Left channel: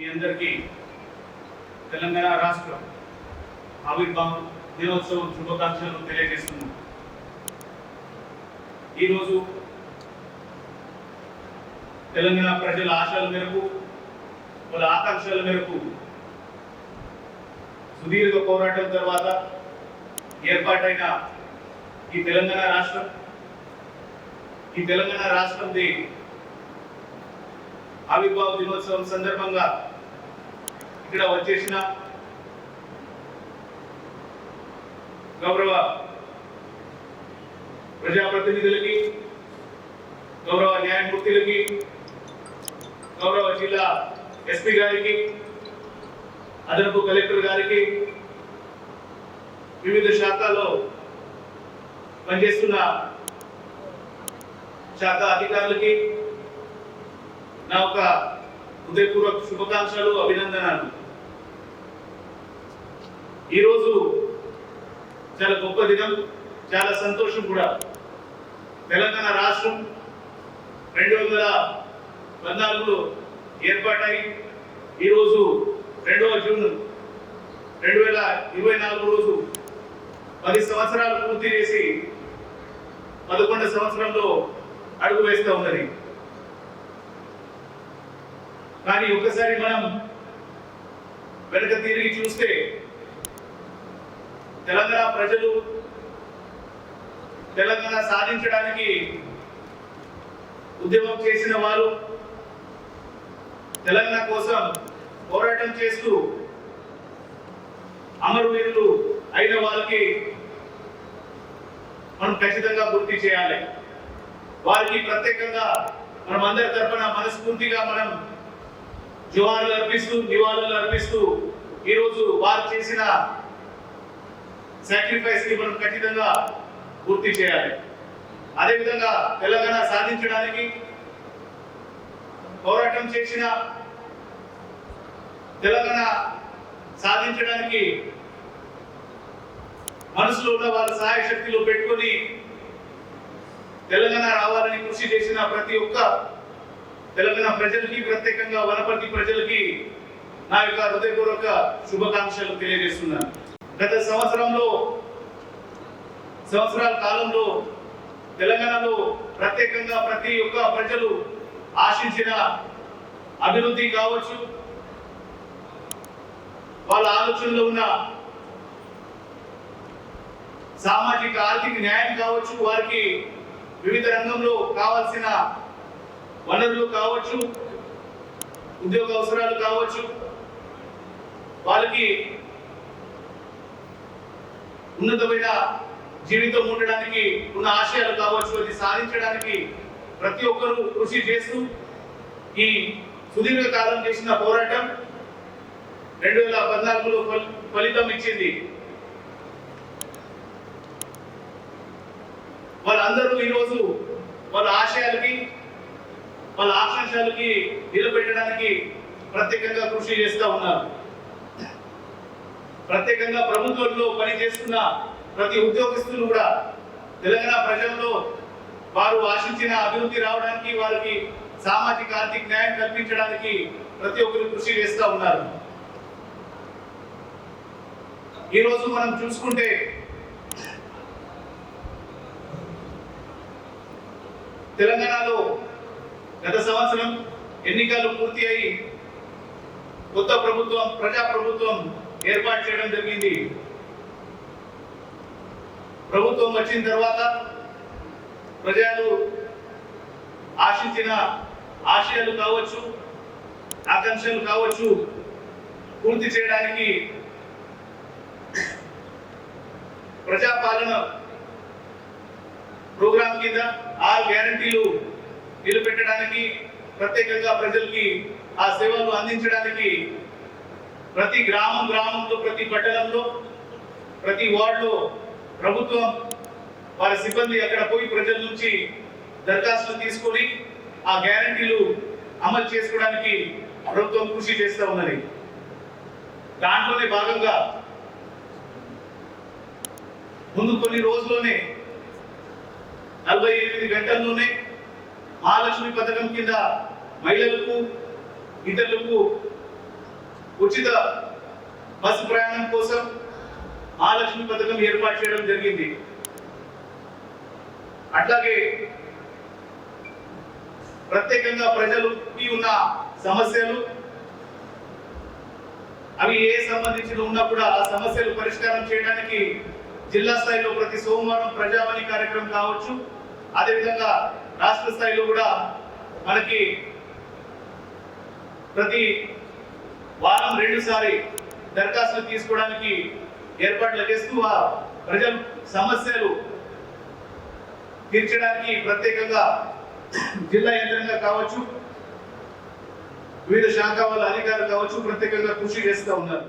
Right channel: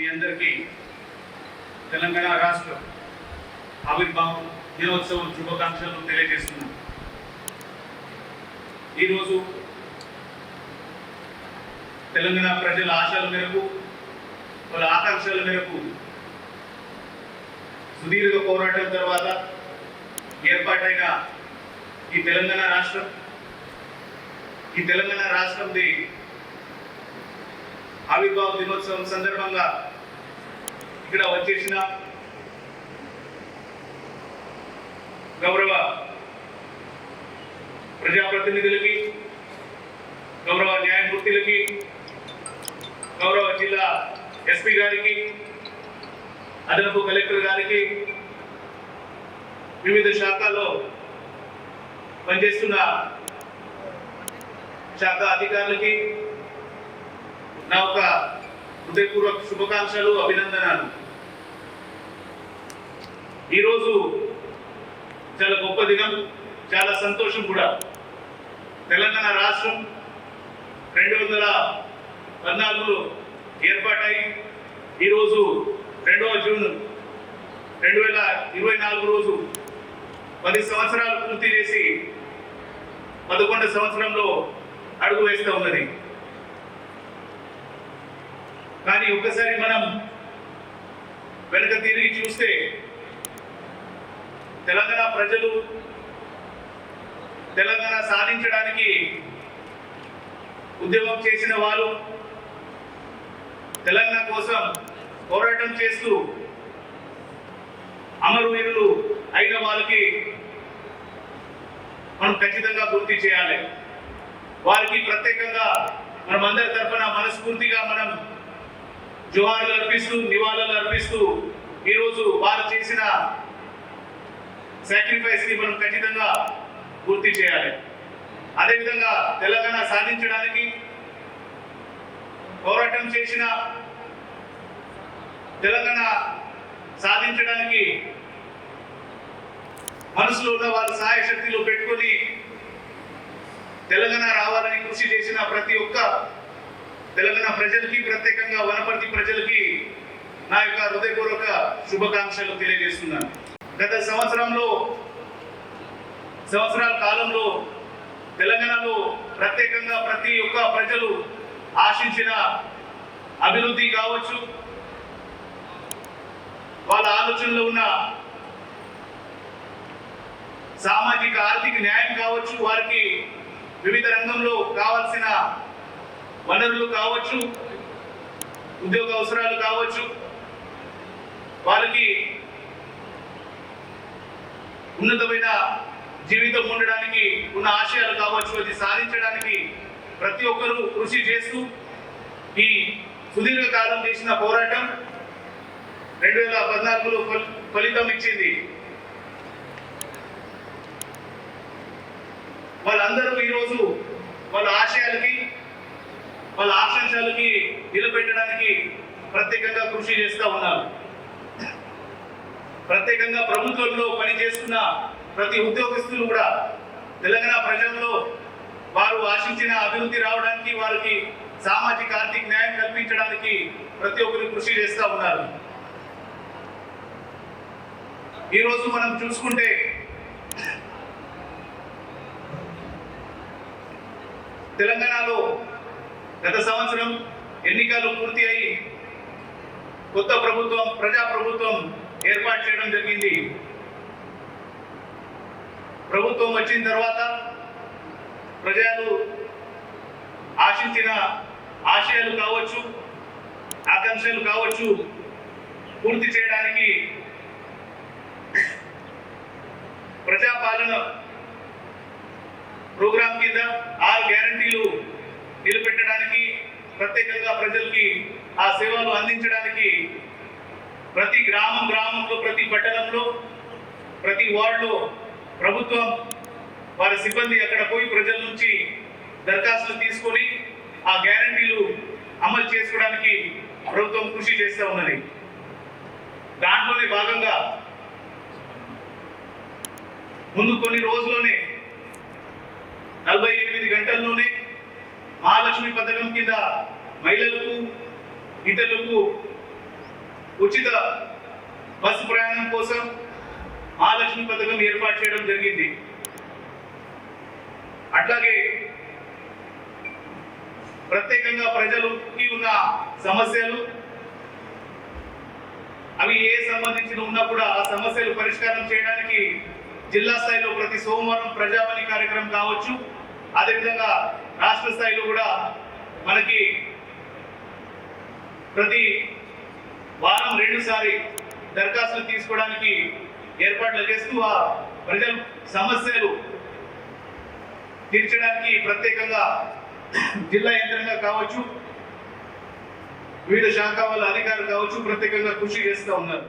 మీ అందరికీ తెలంగాణ రాష్ట్ర ఆవిర్భావం దినోత్సవం శుభాకాంక్షలు తెలియజేస్తున్నాం. ఈరోజు తెలంగాణ ప్రజల ఆశల మేరకు, వాళ్ళ ఆకాంక్షల మేరకు సుదీర్ఘ పోరాటం తర్వాత ఏర్పాటైన ఈ తెలంగాణ రాష్ట్రంది ఆవిర్భావ దినోత్సవం సందర్భంగా ఇక్కడ వచ్చేసిన గౌరవ ప్రజాప్రతినిధులకి, గౌరవ న్యాయమూర్తులకి, గౌరవ జిల్లా ఎస్పీ గారికి, అదనపు కలెక్టర్ గారికి, వివిధ శాఖల్లో పనిచేస్తున్న శాఖ అధికారులకి నా ఒక హృదయపూర్వక శుభాకాంక్షలు, అభినందనలు. ఈరోజు చాలా గొప్ప దినం, చాలా సంతోషం కూడా. తెలంగాణ రాష్ట్రం 2014లో ఏర్పాటై ఈరోజు 2వ జూన్ 2024 రోజు 10 సంవత్సరాలు పూర్తి చేసి 11వ సంవత్సరంలో అడుగు వేస్తూ ఉన్నది. కానీ ఒక్కసారి మనం వెనక తిరిగి చూస్తే తెలంగాణ ప్రజలు తెలంగాణ సాధించడానికి ఉద్యమం చేసిన వారు, తెలంగాణ కోసం పోరాటం చేస్తూ అమరవీరులు అయిన వాళ్ళకి మనం ఖచ్చితంగా గుర్తు చేయాలి. వారికి ప్రత్యేకంగా మనం అందరి తరఫున మనస్ఫూర్తిగా మనం జోహార్లు అర్పిస్తూ, నివాళులు అర్పిస్తూ ఈరోజు వారు చేసిన సాక్రిఫైస్ కి మనం ఖచ్చితంగా పూర్తి చేయాలి. అదేవిధంగా తెలంగాణ సాధించడానికి పోరాటం చేసిన, తెలంగాణ సాధించడానికి మనసులో ఉన్న వారి సహాయ శక్తిలో పెట్టుకొని తెలంగాణ రావాలని కృషి చేసిన ప్రతి ఒక్క తెలంగాణ ప్రజలకి, ప్రత్యేకంగా వనపర్తి ప్రజలకి నా యొక్క హృదయపూర్వక శుభాకాంక్షలు తెలియజేస్తున్నాను. గత సంవత్సరాల కాలంలో తెలంగాణలో ప్రత్యేకంగా ప్రతి ఒక్క ప్రజలు ఆశించిన అభివృద్ధి కావచ్చు, వాళ్ళ ఆలోచనలో ఉన్న సామాజిక ఆర్థిక న్యాయం కావచ్చు, వారికి వివిధ రంగంలో కావాల్సిన వనరులు కావచ్చు, ఉద్యోగ అవసరాలు కావచ్చు, వాళ్ళకి ఉన్నతమైన జీవితం ఉండడానికి ఉన్న ఆశయాలు కావచ్చు, అది సాధించడానికి ప్రతి ఒక్కరూ కృషి చేస్తూ ఈ సుదీర్ఘ కాలం చేసిన పోరాటం 2014లో ఫలితం ఇచ్చింది. వాళ్ళందరూ ఈరోజు వాళ్ళ ఆశయాలకి, వాళ్ళ ఆకాంక్షలకి నిలబెట్టడానికి ప్రత్యేకంగా కృషి చేస్తూ ఉన్నారు. ప్రత్యేకంగా ప్రభుత్వంలో పనిచేస్తున్న ప్రతి ఉద్యోగస్తులు కూడా తెలంగాణ ప్రజల్లో వారు ఆశించిన అభివృద్ధి రావడానికి, వారికి సామాజిక ఆర్థిక న్యాయం కల్పించడానికి ప్రతి ఒక్కరు కృషి చేస్తూ ఉన్నారు. ఈరోజు మనం చూసుకుంటే తెలంగాణలో గత సంవత్సరం ఎన్నికలు పూర్తి అయి కొత్త ప్రభుత్వం, ప్రజాప్రభుత్వం ఏర్పాటు చేయడం జరిగింది. ప్రభుత్వం వచ్చిన తర్వాత ప్రజలు ఆశించిన ఆశయాలు కావచ్చు, ఆకాంక్షలు కావచ్చు పూర్తి చేయడానికి ప్రజాపాలన ప్రోగ్రాం కింద 6 గ్యారంటీలు నిలబెట్టడానికి, ప్రత్యేకంగా ప్రజలకి ఆ సేవలు అందించడానికి ప్రతి గ్రామంలో, ప్రతి పట్టణంలో, ప్రతి వార్డులో ప్రభుత్వం వారి సిబ్బంది అక్కడ పోయి ప్రజల నుంచి దరఖాస్తులు తీసుకొని ఆ గ్యారంటీలు అమలు చేసుకోవడానికి ప్రభుత్వం కృషి చేస్తూ ఉన్నది. దాంట్లోనే భాగంగా ముందు కొన్ని రోజుల్లోనే 48 గంటల్లోనే మహాలక్ష్మి పథకం కింద మహిళలకు, ఇతరులకు ఉచిత బస్సు ప్రయాణం కోసం మహాలక్ష్మి పథకం ఏర్పాటు చేయడం జరిగింది. అట్లాగే ప్రత్యేకంగా ప్రజలకి ఉన్న సమస్యలు అవి ఏ సంబంధించిన ఉన్నా కూడా ఆ సమస్యలు పరిష్కారం చేయడానికి జిల్లా స్థాయిలో ప్రతి సోమవారం ప్రజావాణి కార్యక్రమం కావచ్చు, అదేవిధంగా రాష్ట్ర స్థాయిలో కూడా మనకి ప్రతి వారం 2 సారి దరఖాస్తులు తీసుకోవడానికి ఏర్పాట్లు చేస్తూ ఆ ప్రజల సమస్యలు తీర్చడానికి ప్రత్యేకంగా జిల్లా యంత్రంగా కావచ్చు, వివిధ శాఖ వాళ్ళ అధికారులు కావచ్చు ప్రత్యేకంగా కృషి చేస్తూ ఉన్నారు.